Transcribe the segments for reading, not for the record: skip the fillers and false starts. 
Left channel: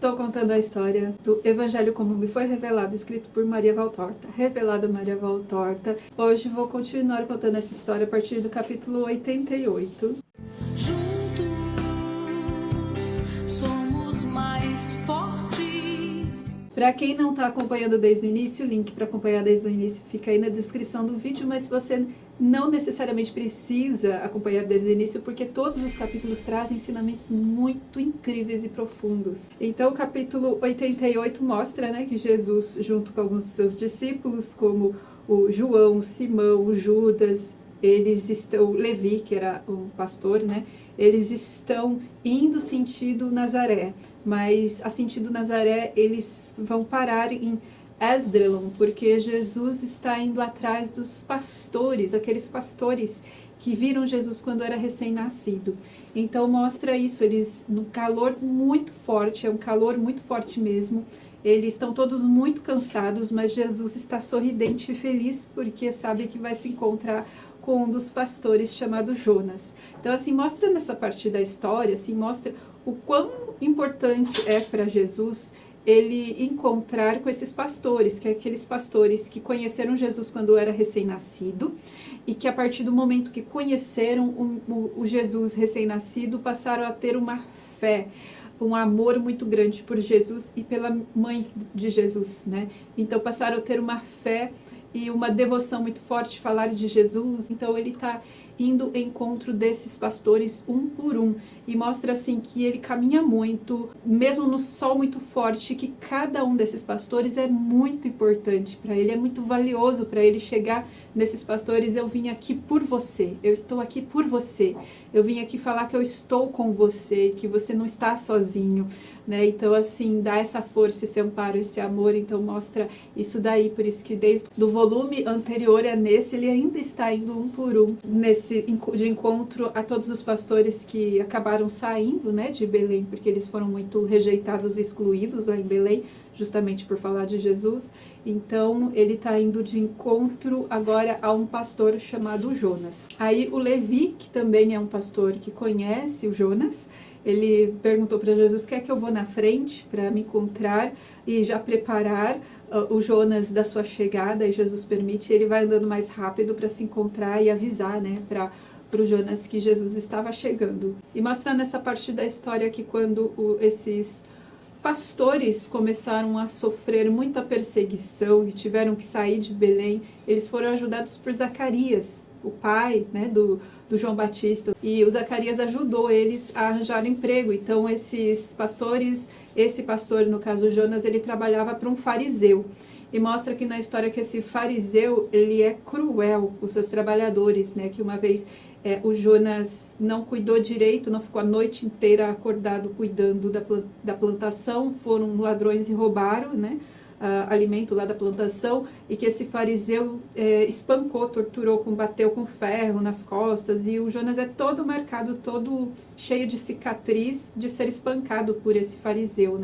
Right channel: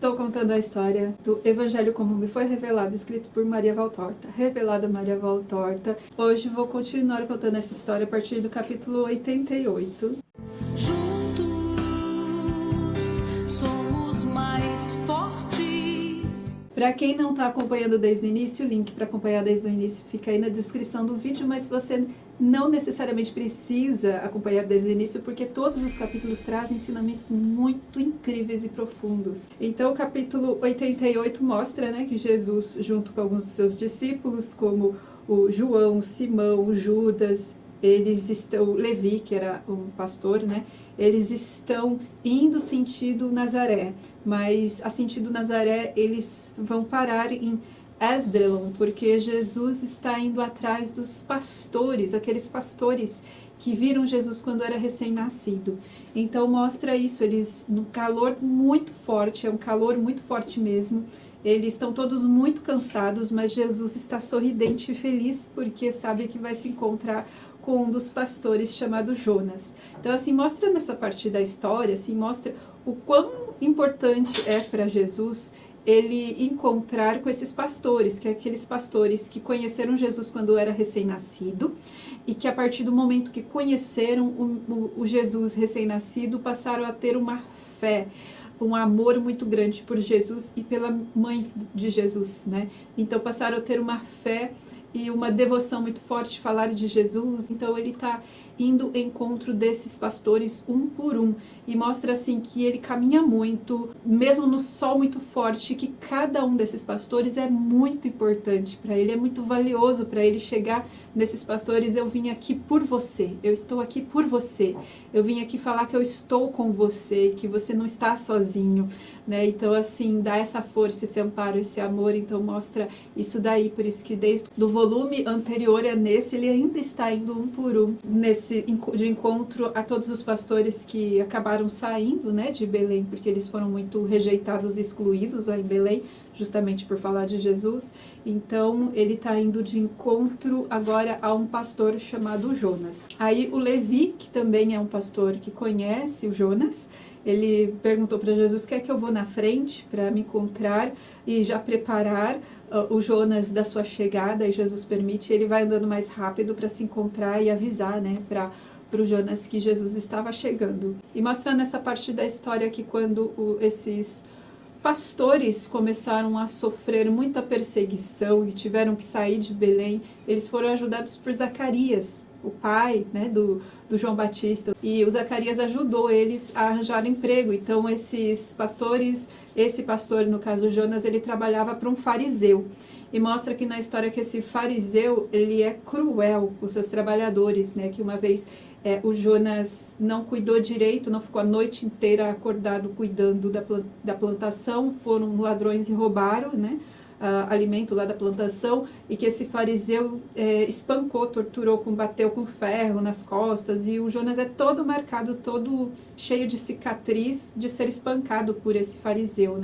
Estou contando a história do Evangelho como me foi revelado, escrito por Maria Valtorta, revelada Maria Valtorta. Hoje vou continuar contando essa história a partir do capítulo 88. Juntos somos mais fortes. Para quem não está acompanhando desde o início, o link para acompanhar desde o início fica aí na descrição do vídeo, mas se você não necessariamente precisa acompanhar desde o início, porque todos os capítulos trazem ensinamentos muito incríveis e profundos. Então o capítulo 88 mostra, que Jesus, junto com alguns dos seus discípulos, como o João, Simão, Judas, Levi, que era um pastor, eles estão indo sentido Nazaré, mas a sentido Nazaré eles vão parar em Esdrelon, porque Jesus está indo atrás dos pastores, aqueles pastores que viram Jesus quando era recém-nascido. Então mostra isso, eles no calor muito forte, é um calor muito forte mesmo. Eles estão todos muito cansados, mas Jesus está sorridente e feliz porque sabe que vai se encontrar com um dos pastores chamado Jonas. Então assim, mostra nessa parte da história, assim, mostra o quão importante é para Jesus ele encontrar com esses pastores, que é aqueles pastores que conheceram Jesus quando era recém-nascido e que a partir do momento que conheceram o Jesus recém-nascido passaram a ter uma fé, um amor muito grande por Jesus e pela mãe de Jesus, Então passaram a ter uma fé e uma devoção muito forte, falar de Jesus. Então ele está indo ao encontro desses pastores um por um e mostra assim que ele caminha muito, mesmo no sol muito forte, que cada um desses pastores é muito importante para ele, é muito valioso para ele chegar nesses pastores. Eu vim aqui por você, eu estou aqui por você, eu vim aqui falar que eu estou com você, que você não está sozinho, Então assim, dá essa força, esse amparo, esse amor. Então mostra isso daí, por isso que desde do volume anterior a nesse, ele ainda está indo um por um, de encontro a todos os pastores que acabaram saindo, de Belém, porque eles foram muito rejeitados e excluídos aí em Belém, justamente por falar de Jesus. Então ele está indo de encontro agora a um pastor chamado Jonas. Aí o Levi, que também é um pastor que conhece o Jonas, ele perguntou para Jesus: quer que eu vou na frente para me encontrar e já preparar o Jonas da sua chegada? E Jesus permite, ele vai andando mais rápido para se encontrar e avisar, para o Jonas que Jesus estava chegando. E mostra nessa parte da história que quando esses pastores começaram a sofrer muita perseguição e tiveram que sair de Belém, eles foram ajudados por Zacarias, o pai, do João Batista, e o Zacarias ajudou eles a arranjar emprego. Então esses pastores, esse pastor, no caso Jonas, ele trabalhava para um fariseu. E mostra aqui na história que esse fariseu, ele é cruel com os seus trabalhadores, que uma vez o Jonas não cuidou direito, não ficou a noite inteira acordado cuidando da plantação, foram ladrões e roubaram, alimento lá da plantação, e que esse fariseu espancou, torturou, bateu com ferro nas costas, e o Jonas é todo marcado, todo cheio de cicatriz de ser espancado por esse fariseu,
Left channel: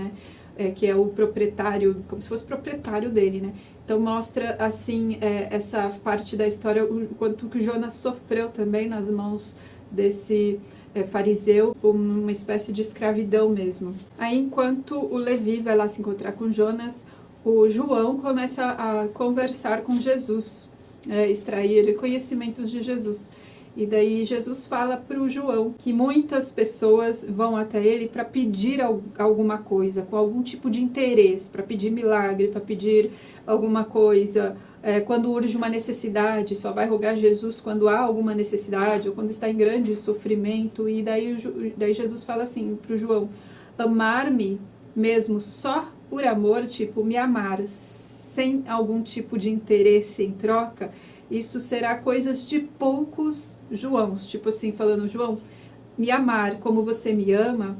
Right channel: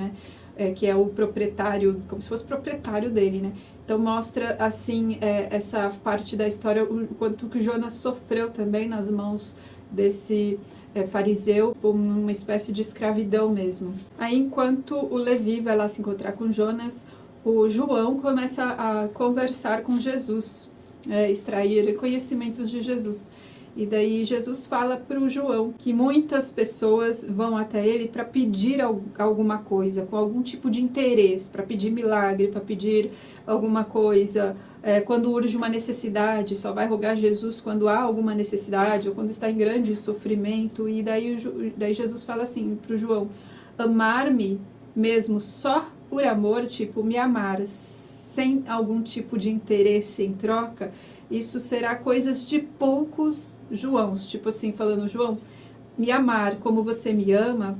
que é o proprietário, como se fosse proprietário dele, Então mostra assim essa parte da história, o quanto que Jonas sofreu também nas mãos desse fariseu, uma espécie de escravidão mesmo. Aí enquanto o Levi vai lá se encontrar com Jonas, o João começa a conversar com Jesus, extrair conhecimentos de Jesus. E daí Jesus fala para o João que muitas pessoas vão até ele para pedir alguma coisa, com algum tipo de interesse, para pedir milagre, para pedir alguma coisa, quando urge uma necessidade, só vai rogar Jesus quando há alguma necessidade, ou quando está em grande sofrimento. E daí Jesus fala assim para o João: amar-me mesmo só por amor, tipo, me amar sem algum tipo de interesse em troca, isso será coisas de poucos Joãos. Tipo assim, falando: João, me amar como você me ama,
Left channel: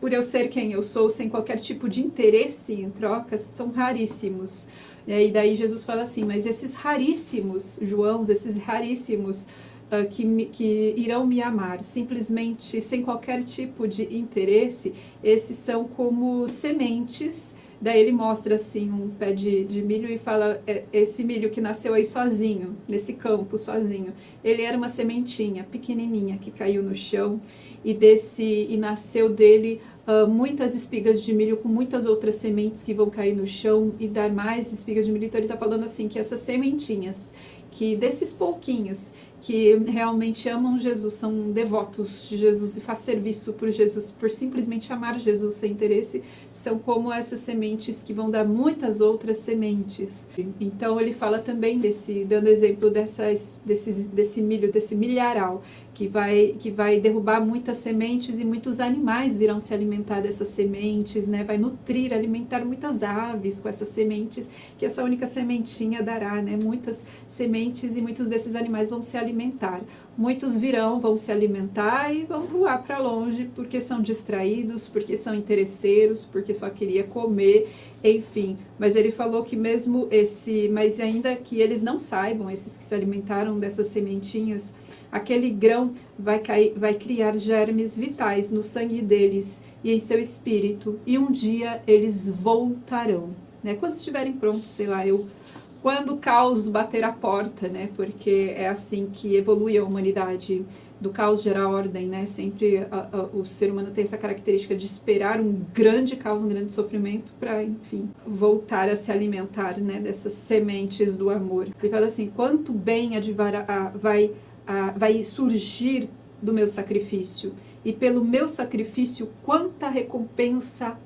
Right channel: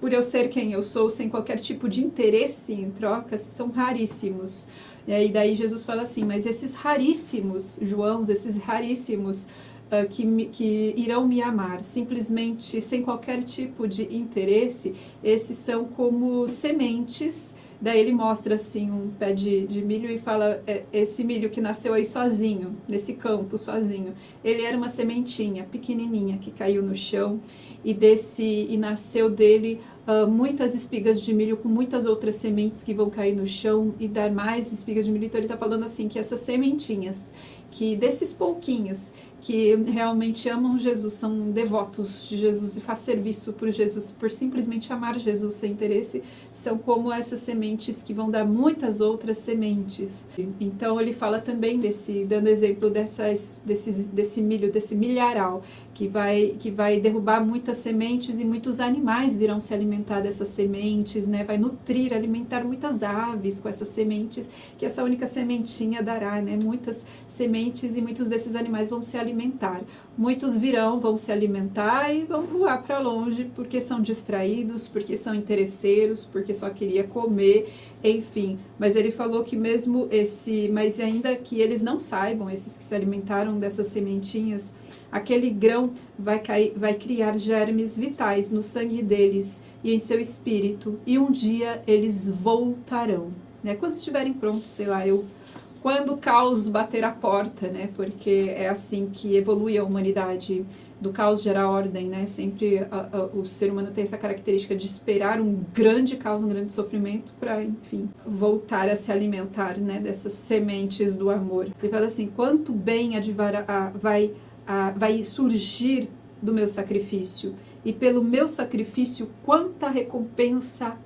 por eu ser quem eu sou, sem qualquer tipo de interesse em trocas, são raríssimos. E daí Jesus fala assim: mas esses raríssimos Joãos, esses raríssimos que irão me amar, simplesmente sem qualquer tipo de interesse, esses são como sementes. Daí ele mostra assim um pé de milho e fala: esse milho que nasceu aí sozinho, nesse campo sozinho, ele era uma sementinha pequenininha que caiu no chão e nasceu dele muitas espigas de milho com muitas outras sementes que vão cair no chão e dar mais espigas de milho. Então ele está falando assim, que essas sementinhas, que desses pouquinhos que realmente amam Jesus, são devotos de Jesus e faz serviço por Jesus, por simplesmente amar Jesus sem interesse, são como essas sementes que vão dar muitas outras sementes. Então ele fala também dando exemplo desse milho, desse milharal, que vai derrubar muitas sementes e muitos animais virão se alimentar dessas sementes, né? Vai nutrir, alimentar muitas aves com essas sementes, que essa única sementinha dará, né? Muitas sementes e muitos desses animais vão se alimentar. Muitos vão se alimentar e vão voar para longe porque são distraídos, porque são interesseiros, porque só queria comer, enfim. Mas ele falou que mas ainda que eles não saibam, esses que se alimentaram dessas sementinhas, aquele grão vai criar germes vitais no sangue deles e em seu espírito, e um dia eles voltarão, né? Quando estiverem prontos, sei lá, quando o caos bater a porta, né? Porque é assim que evolui a humanidade. No caos gera ordem, né? Sempre o ser humano tem essa característica de esperar um grande caos, um grande sofrimento para, enfim, voltar a se alimentar, né? Dessas sementes do amor. Ele fala assim, quanto bem vai surgir do meu sacrifício, e pelo meu sacrifício quanta recompensa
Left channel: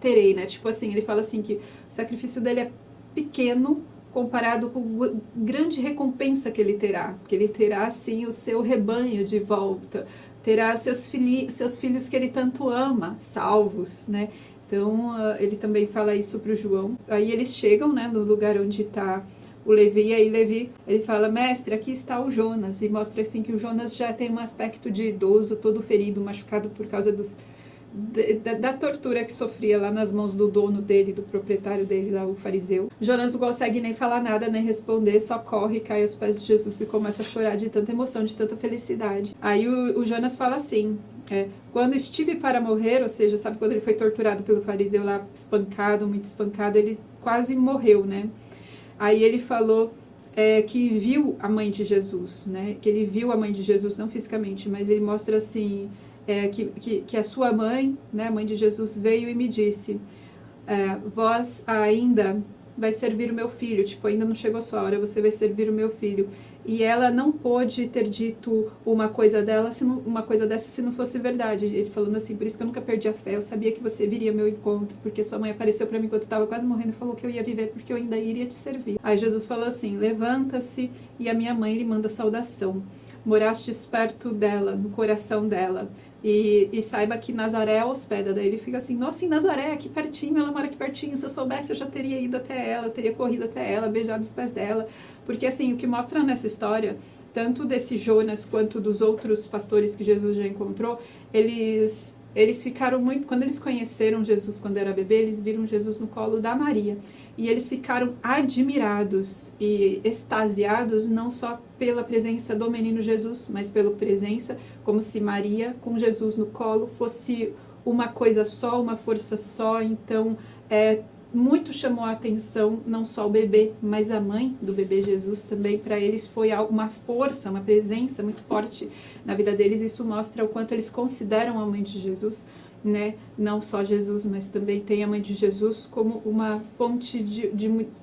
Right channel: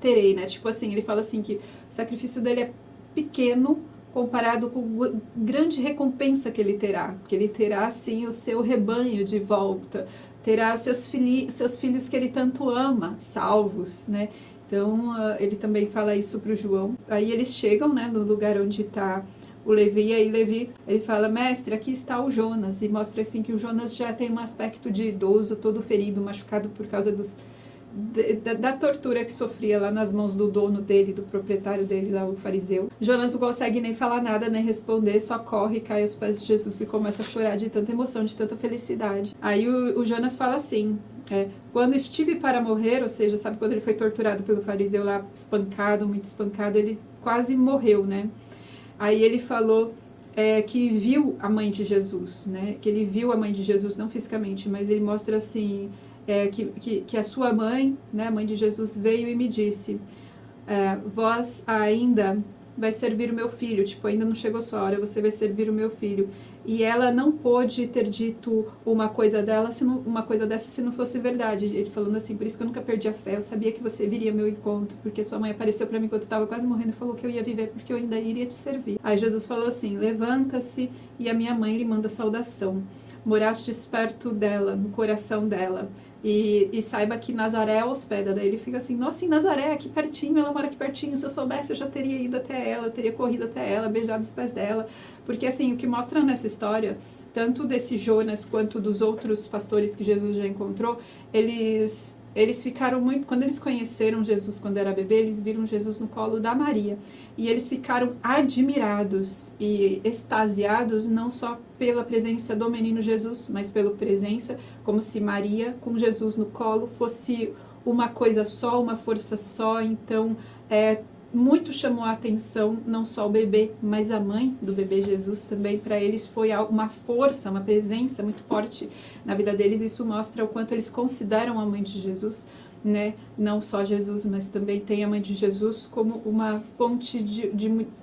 terei, né? Tipo assim, ele fala assim que o sacrifício dele é pequeno comparado com a grande recompensa que ele terá. Que ele terá, sim, o seu rebanho de volta, terá seus filhos que ele tanto ama, salvos, né? Então, ele também fala isso para o João. Aí eles chegam, né, no lugar onde está o Levi, e aí Levi, ele fala, mestre, aqui está o Jonas, e mostra assim que o Jonas já tem um aspecto de idoso, todo ferido, machucado por causa da tortura que sofria lá nas mãos do dono dele, do proprietário dele lá, o fariseu. Jonas não consegue nem falar nada, nem responder, só corre, cai aos pés de Jesus e começa a chorar de tanta emoção, de tanta felicidade. Aí o Jonas fala assim, quando estive para morrer, ou seja, sabe quando ele foi torturado pelo fariseu lá, espancado, muito espancado, ele quase morreu, né? Aí ele falou que viu a mãe de Jesus, né? Que ele viu a mãe de Jesus, não fisicamente, mas ele mostra assim, que a sua mãe, né, a mãe de Jesus, veio e me disse, vós ainda vai servir o meu filho, tipo, ainda não chegou a sua hora, você vai servir o meu filho. E ela não pôde ter dito uma coisa dessa se não fosse verdade. Ele falando assim, por isso que eu nunca perdi a fé, eu sabia que você viria ao meu encontro, porque sua mãe apareceu para mim quando eu estava quase morrendo e falou que eu ia viver, porque eu ainda iria te servir. Aí Jesus falou assim, levanta-se e a minha mãe lhe manda saudação. Morastes perto dela, no coração dela. E saiba que Nazaré é hospeda. Daí ele fica assim, nossa, em Nazaré, aqui pertinho, ela mora aqui pertinho, se eu soubesse eu já teria ido até ela, eu teria corrido até ela, beijado os pés dela. Porque assim, o que mostra nessa história, tanto desse Jonas quanto dos outros pastores que Jesus já encontrou, eles ficaram muito, quando eles conheceram Jesus quando era bebê, eles viram Jesus no colo da Maria. E eles ficaram admirados e extasiados, não só pela presença do menino Jesus, mas pela presença, como se Maria com Jesus no colo fosse uma coisa só, uma força só. Então, muito chamou a atenção, não só o bebê, mas a mãe do bebê Jesus também. Para eles foi uma força, uma presença muito forte na vida deles. Isso mostra o quanto eles consideram a mãe de Jesus, né? Não só Jesus, mas também tem a mãe de Jesus como uma fonte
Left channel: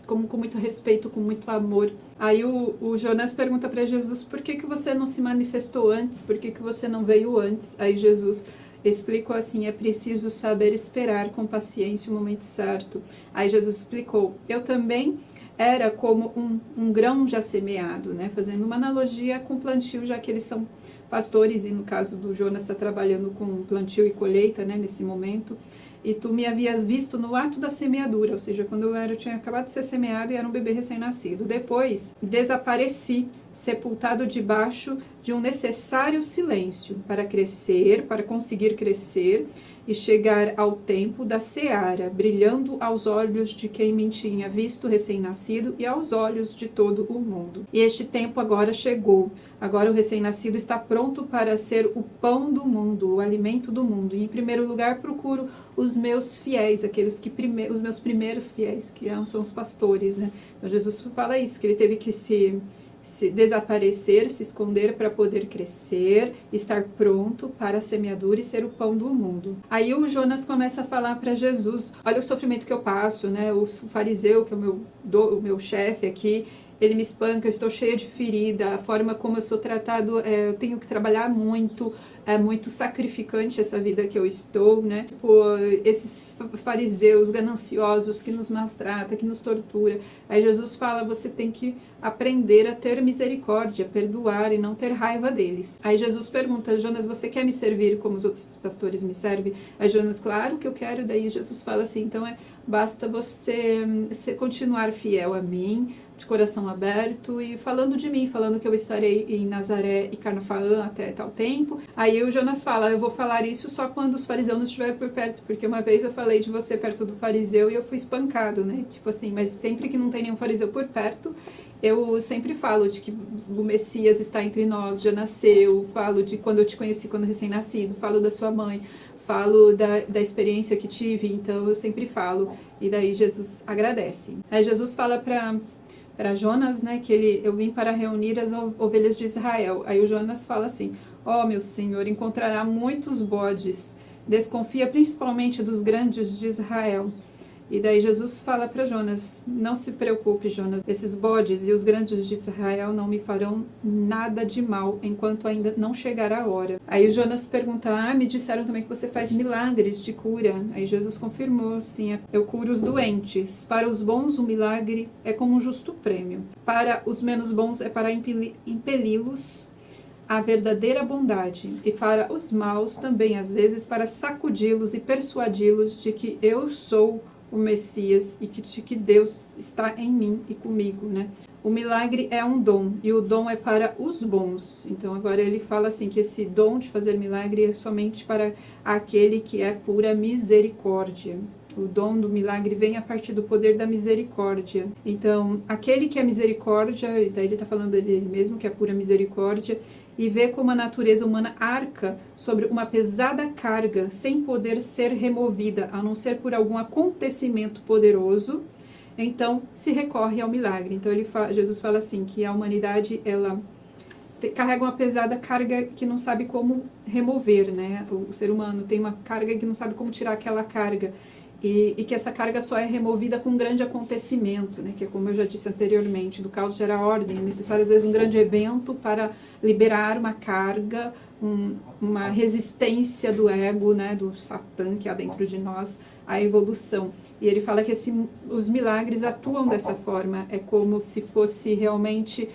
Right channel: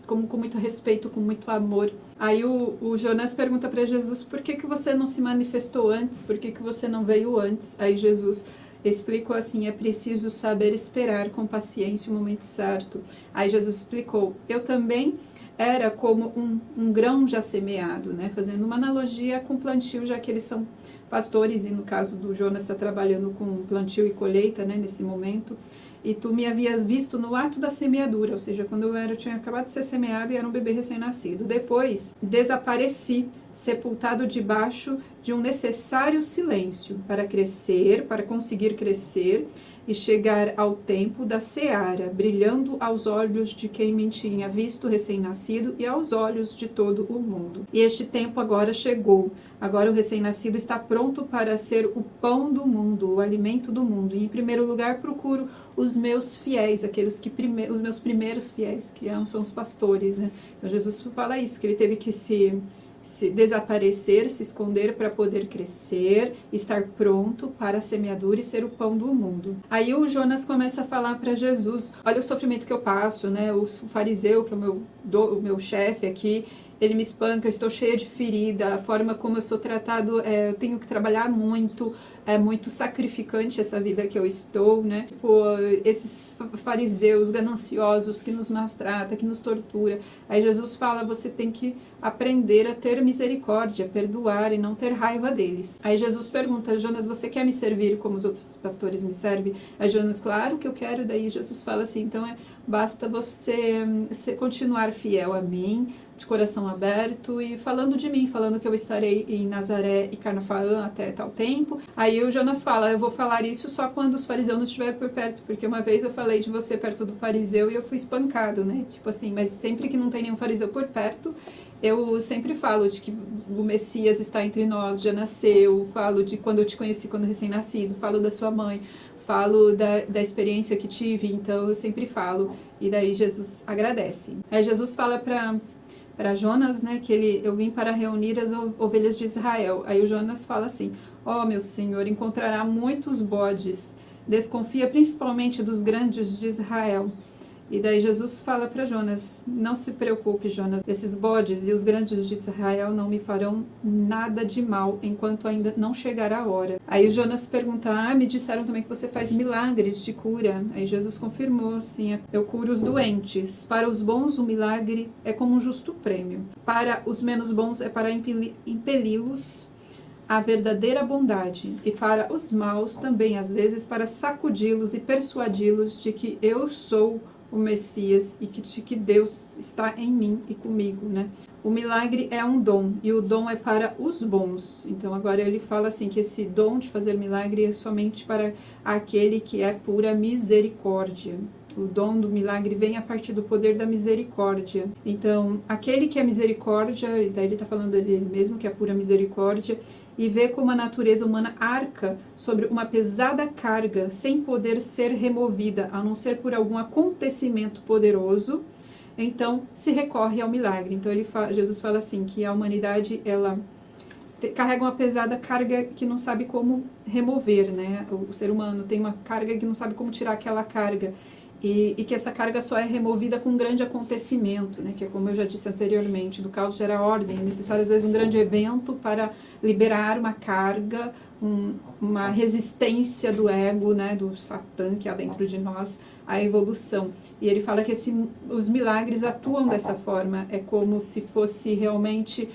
com muito respeito, com muito amor. Aí o Jonas pergunta para Jesus, por que você não se manifestou antes? Por que você não veio antes? Aí Jesus explicou assim, é preciso saber esperar com paciência o momento certo. Aí Jesus explicou, eu também era como um grão já semeado, né? Fazendo uma analogia com plantio, já que eles são pastores, e no caso do Jonas está trabalhando com plantio e colheita, né, nesse momento, e tu me havias visto no ato da semeadura, ou seja, quando eu tinha acabado de ser semeado e era um bebê recém-nascido. Depois, desapareci, sepultado debaixo de um necessário silêncio, para crescer, para conseguir crescer e chegar ao tempo da seara, brilhando aos olhos de quem me tinha visto recém-nascido e aos olhos de todo o mundo. E este tempo agora chegou. Agora o recém-nascido está pronto para ser o pão do mundo, o alimento do mundo. E em primeiro lugar procuro os meus fiéis, os meus primeiros fiéis, que são os pastores, né? Então Jesus fala isso, que ele teve que se se desaparecer, se esconder para poder crescer, estar pronto para a semeadura e ser o pão do mundo. Aí o Jonas começa a falar para Jesus, olha o sofrimento que eu passo, né? O fariseu, que é o meu chefe aqui, ele me espanca, eu estou cheia de ferida, a forma como eu sou tratado, eu tenho que trabalhar muito, é muito sacrificante essa vida que eu estou, né? Tipo, esses fariseus gananciosos que nos maltratam, que nos tortura. Aí Jesus fala, você tem que aprender a ter misericórdia, perdoar e não ter raiva deles. Aí Jesus pergunta, Jonas, você quer me servir como os outros pastores me servem? Aí Jonas, claro que eu quero. Daí Jesus fala assim, então basta você continuar fiel a mim, de coração aberto e falando de mim, falando que eu estarei em Nazaré e Cafarnaum até tal tempo. Aí o Jonas fala, eu vou falar isso só quando os fariseus não estiverem por perto, porque uma vez eu falei de você perto do fariseu e eu fui espancado, né? Tipo assim, mas sempre que não tem nenhum fariseu por perto, eu sempre falo de que o Messias está entre nós, já nasceu, falo de quando eu te conheci, quando recém-nascido, falo da sua mãe, falo da experiência que tive, então eu sempre falo. E daí Jesus agradece. Aí Jesus fala para Jonas, né, que eu vim para reunir as ovelhas de Israel. Aí o Jonas fala assim, meu Senhor, encontrará muitos bodes, desconfia principalmente dos grandes de Israel. E daí Jesus fala para Jonas, não se preocupe, Jonas, esses bodes e os grandes de Israel não me farão nada de mal, enquanto ainda não chegar a hora. Aí o Jonas pergunta, me disseram também que você faz milagres de cura. Aí Jesus confirmou, sim, eu curo os doentes. Para os bons, o milagre é como um justo prêmio. Para os menos bons, é para impeli-los à verdadeira bondade. E para os maus, também, às vezes, para sacudi-los e persuadi-los de que eu sou o Messias e que Deus está em mim e comigo, né? O milagre é um dom e o dom é para os bons. Então agora ele fala assim que esse dom de fazer milagre é somente para aquele que é pura misericórdia. O dom do milagre vem a partir do poder da misericórdia. Então, aquele que é misericórdia, daí ele está falando dele mesmo, que é pura misericórdia, e vê como a natureza humana arca sobre uma pesada carga, sem poder ser removida, a não ser por algum acontecimento poderoso, então se recorre ao milagre. Então Jesus fala assim, que a humanidade, ela carrega uma pesada carga que não sabe como remover, né? O ser humano tem uma carga que não sabe como tirar aquela carga. E que essa carga só é removida com um grande acontecimento, né? Que é como eu já disse anteriormente, do caos gera ordem, é necessário às vezes um grande evento para liberar uma carga, uma resistência do ego, né? Do Satã que há dentro de nós, à evolução. E ele fala que os milagres atuam dessa forma, é como se fosse realmente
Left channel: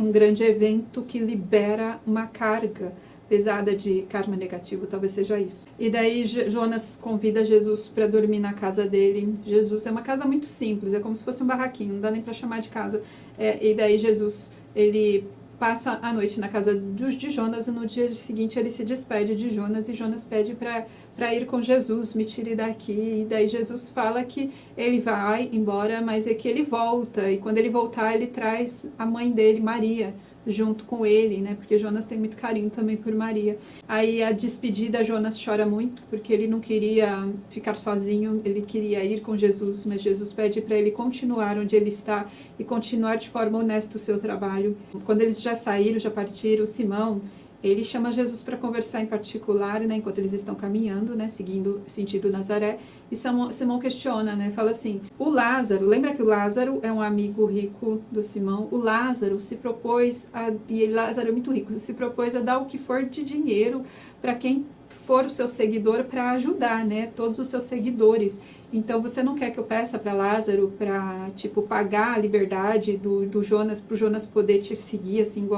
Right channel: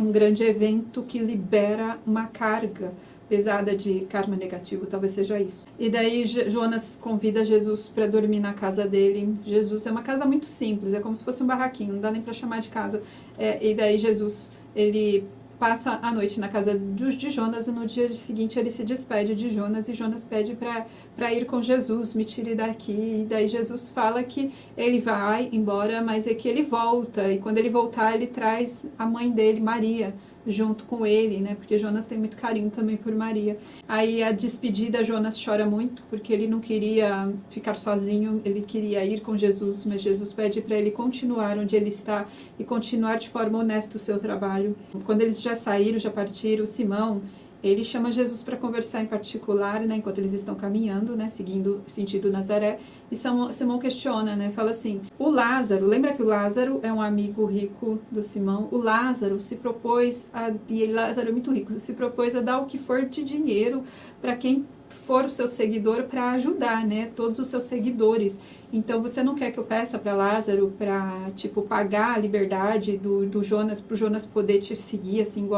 um grande evento que libera uma carga pesada de karma negativo, talvez seja isso. E daí Jonas convida Jesus para dormir na casa dele. Jesus é uma casa muito simples, é como se fosse um barraquinho, não dá nem para chamar de casa. E daí Jesus, ele passa a noite na casa de Jonas e no dia seguinte ele se despede de Jonas e Jonas pede para ir com Jesus, me tire daqui. E daí Jesus fala que ele vai embora, mas é que ele volta, e quando ele voltar ele traz a mãe dele, Maria, junto com ele, né, porque Jonas tem muito carinho também por Maria. Aí a despedida, Jonas chora muito, porque ele não queria ficar sozinho, ele queria ir com Jesus, mas Jesus pede para ele continuar onde ele está e continuar de forma honesta o seu trabalho. Quando eles já saíram, já partiram, Simão, ele chama Jesus para conversar em particular, né, enquanto eles estão caminhando, né, seguindo sentido Nazaré, e Simão questiona, né, fala assim, o Lázaro, lembra que o Lázaro é um amigo rico do Simão? O Lázaro se propôs, e Lázaro é muito rico, se propôs a dar o que for de dinheiro para quem for o seu seguidor, para ajudar, né, todos os seus seguidores. Então, você não quer que eu peça para Lázaro para, tipo, pagar a liberdade do Jonas, para o Jonas poder te seguir, assim,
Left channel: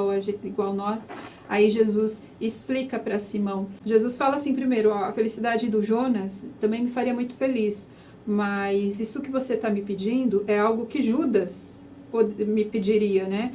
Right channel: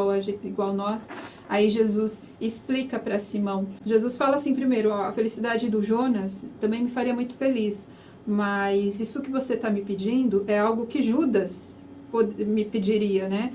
igual nós? Aí Jesus explica para Simão. Jesus fala assim primeiro, a felicidade do Jonas também me faria muito feliz, mas isso que você está me pedindo é algo que Judas me pediria, né?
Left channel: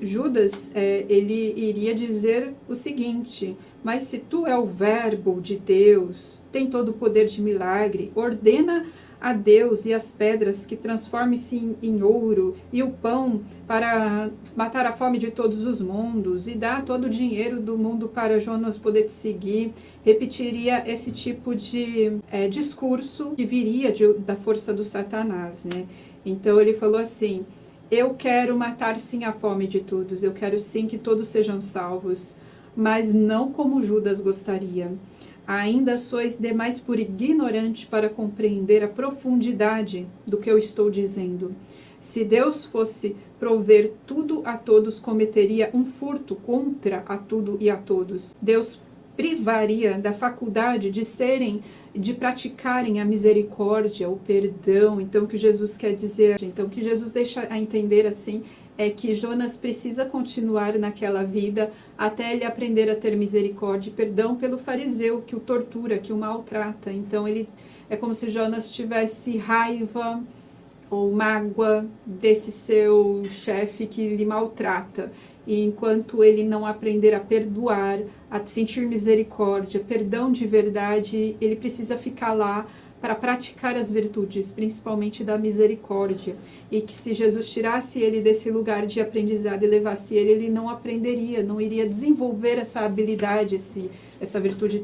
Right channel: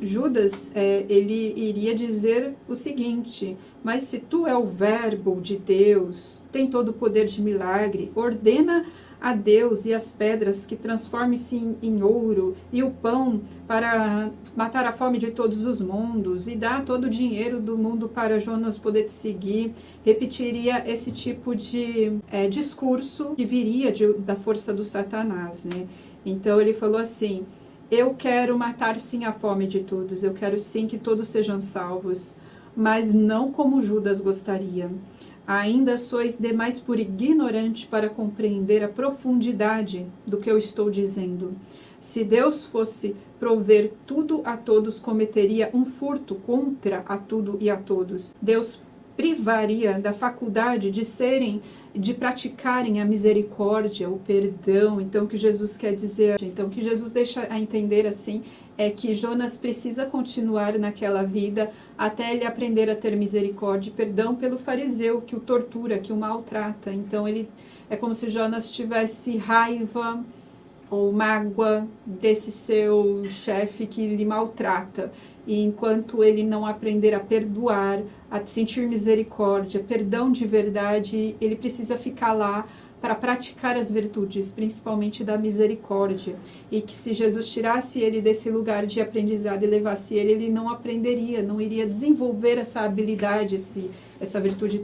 Judas, ele iria dizer o seguinte, mas se tu é o verbo de Deus, tem todo o poder de milagre, ordena a Deus e as pedras que transforme-se em ouro, e o pão para matar a fome de todos os mundos, e dá todo o dinheiro do mundo para Jonas poder te seguir. Repetiria esse tipo de discurso que viria da força do Satanás, né? Então ele falou assim, Eu quero matar sim a fome de todos, eu quero sim que todos sejam salvos, mas não como Judas gostaria. Ainda sois demais por ignorante para compreender a profundidade do que eu estou dizendo. Se Deus fosse prover tudo a todos, cometeria um furto contra a tudo e a todos. Deus privaria da faculdade de praticarem a misericórdia, o perdão. Então, o que Jesus quer dizer, então, o que Jesus deixa a entender assim, é que Jonas precisa continuar naquela vida até ele aprender a ter misericórdia e perdão pelo fariseu que o tortura, que o maltrata. Então, ele é como se Jonas tivesse raiva ou mágoa desse seu chefe que lhe maltrata. E enquanto ele não aprender a perdoar, a sentir misericórdia, perdão de verdade, ele precisa ficar lá para praticar as virtudes, principalmente da misericórdia. E que se Jesus tirasse ele desse lugar de aprendizado e levasse ele, ele não aprenderia, não iria desenvolver essa habilidade, essa virtude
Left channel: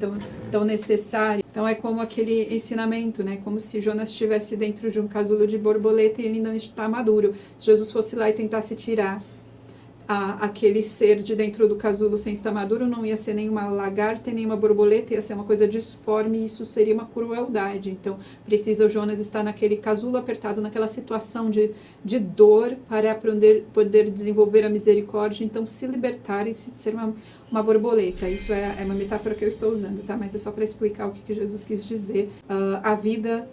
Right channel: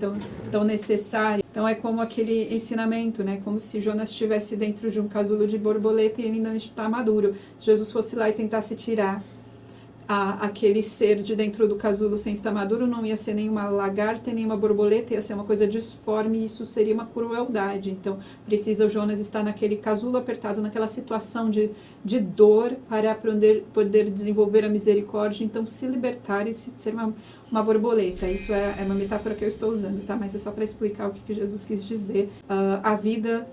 tão necessária. Então é como aquele ensinamento, né? Como se Jonas estivesse dentro de um casulo de borboleta e ele ainda não está maduro. Se Jesus fosse lá e tentasse tirar aquele ser de dentro do casulo sem estar maduro, não ia ser nenhuma lagarta, nenhuma borboleta, ia ser uma coisa disforme e isso seria uma crueldade. Então, precisa o Jonas estar naquele casulo apertado, naquela situação de dor para poder desenvolver a misericórdia, então se libertar e ser uma borboleta. Isso é uma metáfora que eu estou usando, tá? Mas é só para explicar o que Jesus quis dizer. A vida,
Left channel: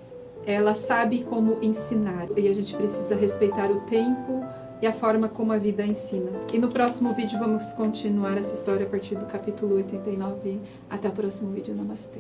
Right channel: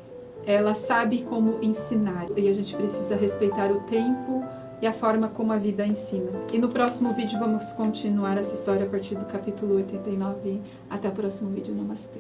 ela sabe como ensinar e a gente precisa respeitar o tempo e a forma como a vida ensina. E no próximo vídeo vamos continuar essa história a partir do capítulo 89. Até o próximo vídeo. Namastê.